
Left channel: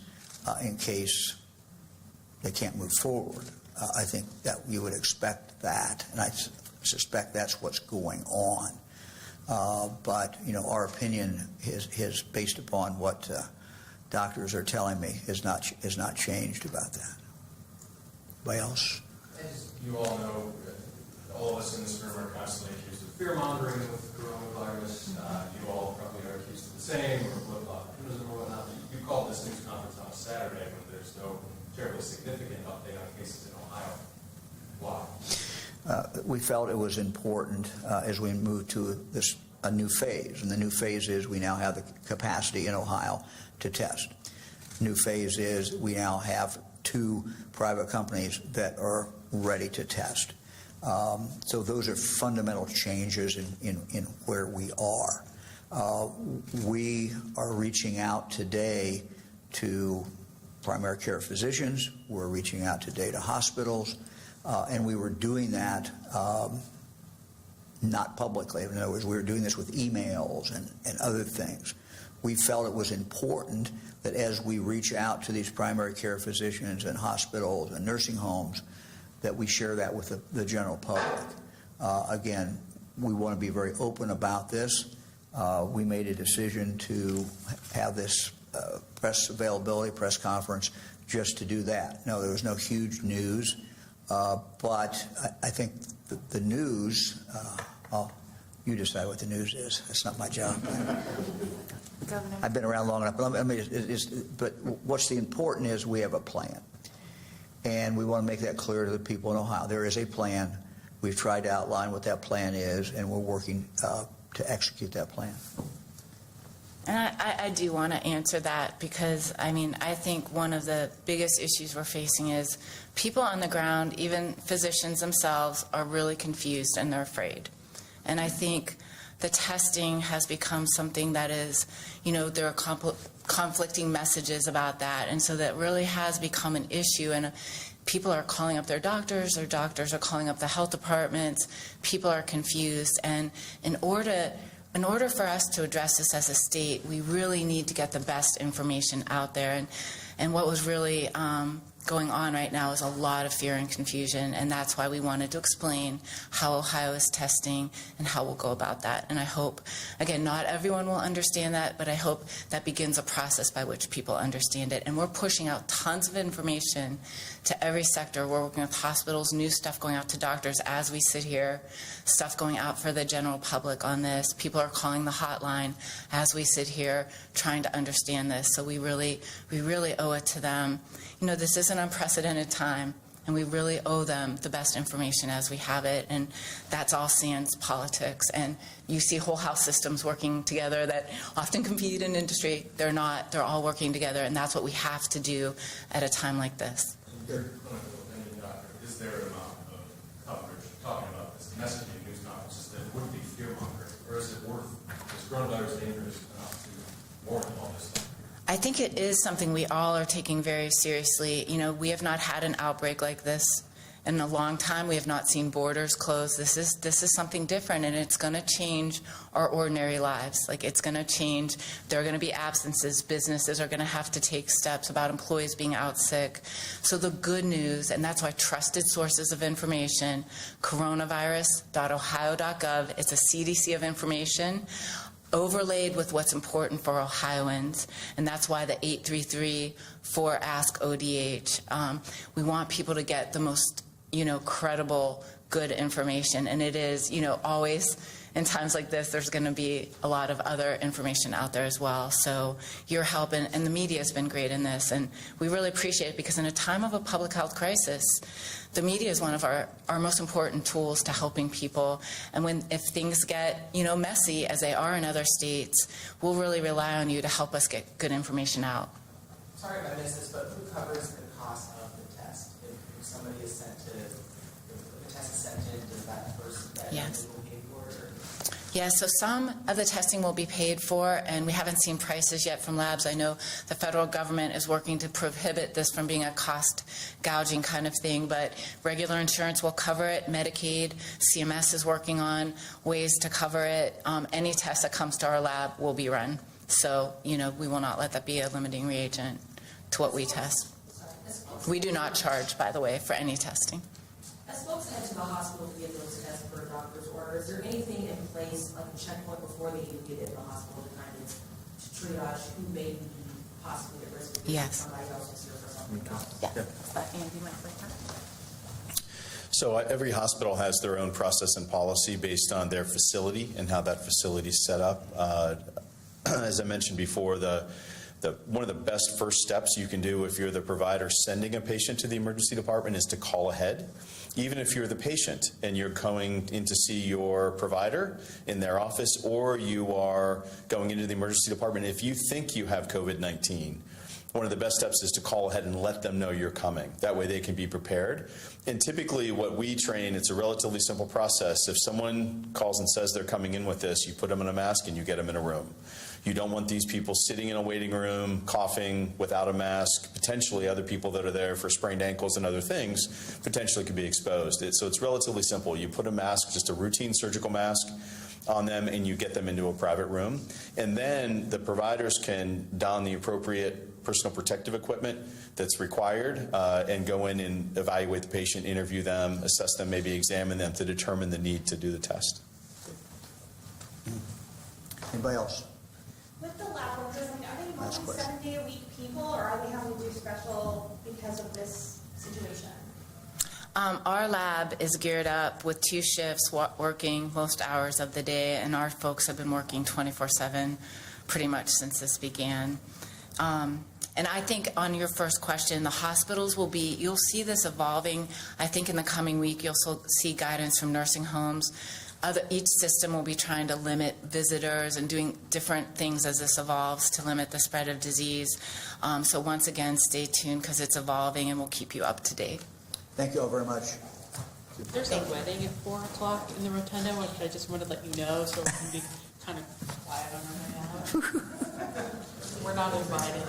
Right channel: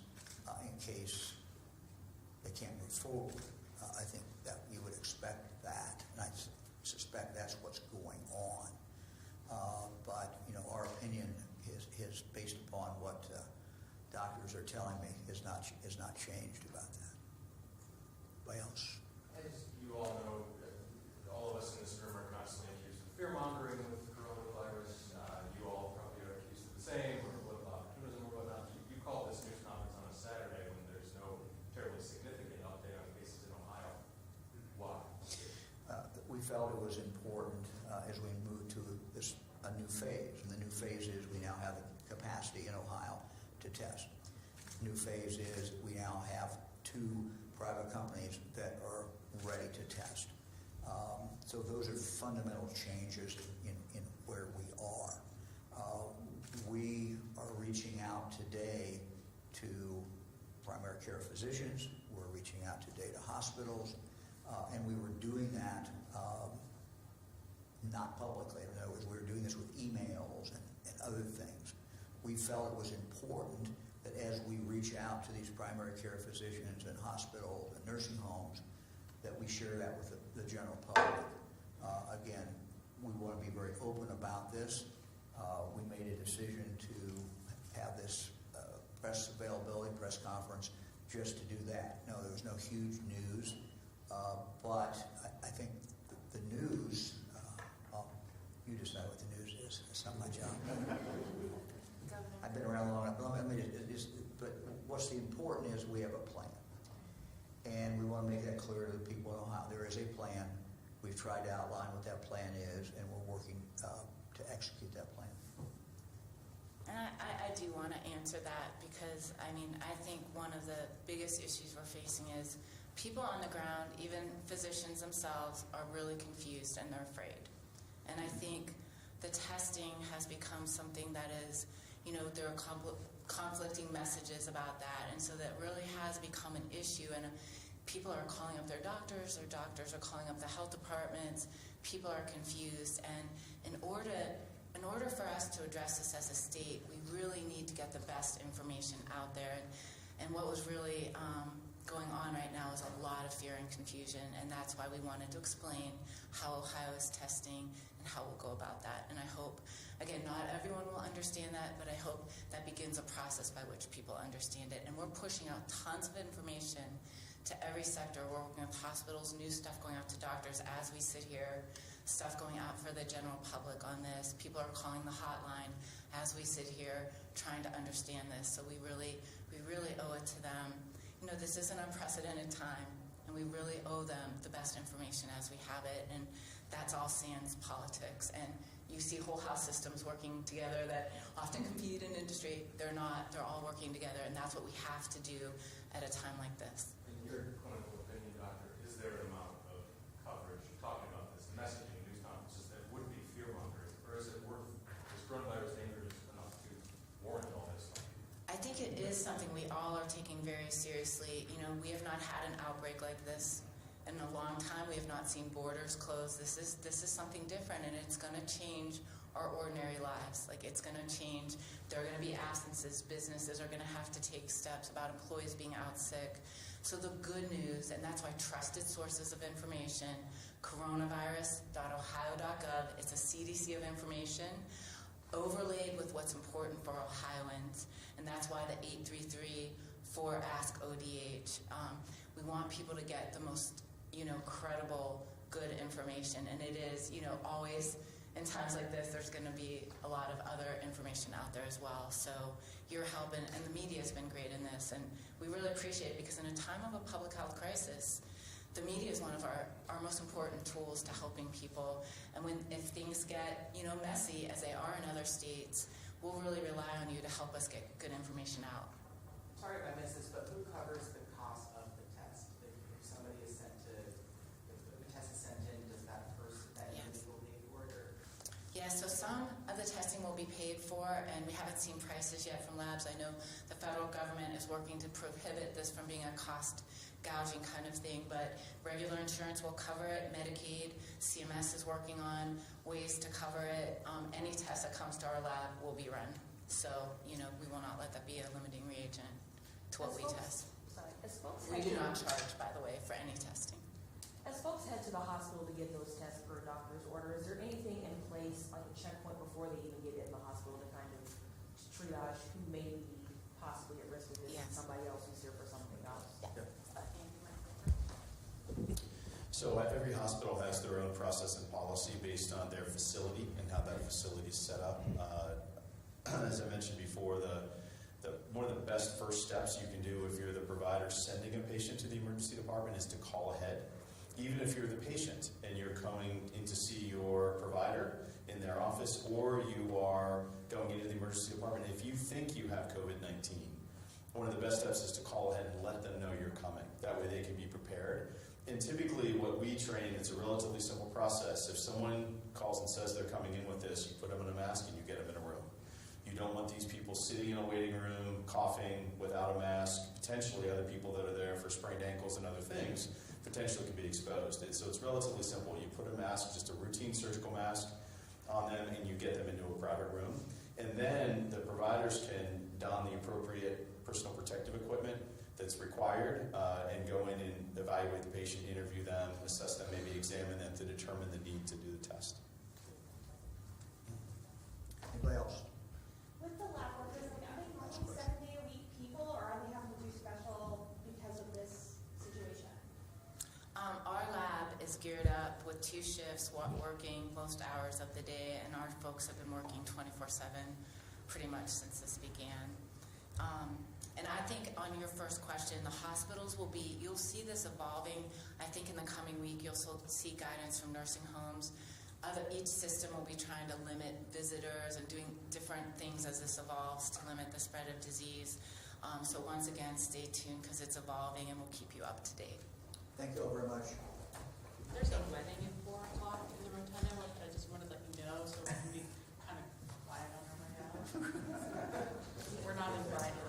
in case they can't move forward. I think that you would expect that, and I suspect that's what's going on. But our opinion is based upon what doctors are telling me is not changed about that. Anybody else? As you all know, all of us in this room are constantly accused of fear-mongering with coronavirus. You all probably are accused of the same, or flip-flop optimism or whatnot. You called this news conference on a Saturday when there's no terribly significant update on cases in Ohio. Why? We felt it was important as we move to a new phase, and the new phase is we now have the capacity in Ohio to test. New phase is we now have 2 private companies that are ready to test. So those are fundamental changes in where we are. We are reaching out today to primary care physicians. We're reaching out today to hospitals. And we were doing that not publicly. In other words, we were doing this with emails and other things. We felt it was important that as we reach out to these primary care physicians and hospitals and nursing homes, that we share that with the general public. Again, we want to be very open about this. We made a decision to have this press availability, press conference, just to do that. No, there was no huge news, but I think the news, you decide what the news is. That's not my job. Governor. I've been around long enough. But what's the important is we have a plan. And we want to make that clear to the people in Ohio. There is a plan. We've tried to outline what that plan is, and we're working to execute that plan. And I do want to answer that because, I think one of the biggest issues we're facing is people on the ground, even physicians themselves, are really confused and they're afraid. And I think the testing has become something that is, there are conflicting messages about that. And so that really has become an issue. And people are calling up their doctors are calling up the health departments. People are confused. And in order for us to address this as a state, we really need to get the best information out there. And what was really going on right now is a lot of fear and confusion, and that's why we wanted to explain how Ohio is testing and how we'll go about that. And I hope, again, not everyone will understand that, but I hope that begins a process by which people understand it. And we're pushing out tons of information to every sector. We're working with hospitals, new stuff going out to doctors as we sit here, stuff going out for the general public on this. People are calling the hotline as we sit here trying to understand this. So we really owe it to them. This is an unprecedented time, and we really owe them the best information as we have it, and that's all sans politics. And you see whole health systems working together that often compete in industry. They're not. They're all working together, and that's what we have to do at a time like this. In your clinical opinion, doctor, is there an amount of coverage talking about this messaging news conferences that would be fear-mongering, or is it worth, is coronavirus dangerous enough to warrant all this stuff? I think it is something we all are taking very seriously. We have not had an outbreak like this In a long time, we have not seen borders closed. This is something different, and it's going to change our ordinary lives. Like, it's going to change. There are going to be absences. Businesses are going to have to take steps about employees being out sick. So the good news, and that's why trusted sources of information, coronavirus.ohio.gov, it's a CDC of information, overlaid with what's important for Ohioans, and that's why the 833 for Ask ODH. We want people to get the most, credible, good information, and it is, always in times like this, there's going to be a lot of other information out there as well. So your help and the media has been great in this, and we really appreciate it, because in a time of a public health crisis, the media is one of our most important tools to helping people. And if things get, messy, as they are in other states, we'll really rely on you to help us get good information out. Sorry if I missed this, but who covers the cost of the test? If somebody is sent to, if the test is sent in, does that person, that Yes. individual pay for it? Or? Yeah, so some of the testing will be paid for, and we haven't seen prices yet from labs. I know the federal government is working to prohibit this from being a cost gouging kind of thing, but regular insurance will cover it. Medicaid, CMS is working on ways to cover it. Any test that comes to our lab will be run. So, we will not let that be a limiting reagent to what we test. We do not charge, by the way, for any testing. As folks head to the hospital to get those tests per doctor's order, is there anything in place, like a checkpoint before they even get into the hospital to kind of triage who may be possibly at risk of Yes. somebody else is there for something else? Yeah. Andy might like that. So every hospital has their own process and policy based on their facility and how that facility is set up. As I mentioned before, one of the best first steps you can do if you're the provider sending a patient to the emergency department is to call ahead. Even if you're the patient and you're going in to see your provider in their office, or you are going into the emergency department, if you think you have COVID-19, one of the best steps is to call ahead and let them know you're coming. That way they can be prepared. And typically what we train, it's a relatively simple process. If someone calls and says they're coming in with this, you put them in a mask and you get them in a room. You don't want these people sitting in a waiting room, coughing without a mask. Potentially other people that are there for sprained ankles and other things potentially could be exposed. So it's relatively simple. You put a mask, just a routine surgical mask, on them, and you get them into a private room. And then the providers can don the appropriate personal protective equipment that's required and go in and evaluate the patient, interview them, assess them, maybe examine them to determine the need to do the test. Anybody else? With the lab workers, are they Last mostly question. 7-day-a-week people, or are they having to do special because of this situation? Our lab is geared up with 2 shifts working most hours of the day, and our folks have been working 24/7 pretty much since this began. And I think on your first question, the hospitals will be, you'll see this evolving. I think in the coming week, you'll see guidance from nursing homes. Each system will be trying to limit visitors and doing different things as this evolves to limit the spread of disease. So once again, stay tuned because it's evolving, and we'll keep you up to date. Thank you all very much. There's a wedding at 4 o'clock in the rotunda, which I just wanted to let you know, so we can be kind of quiet on our way out. We're not invited.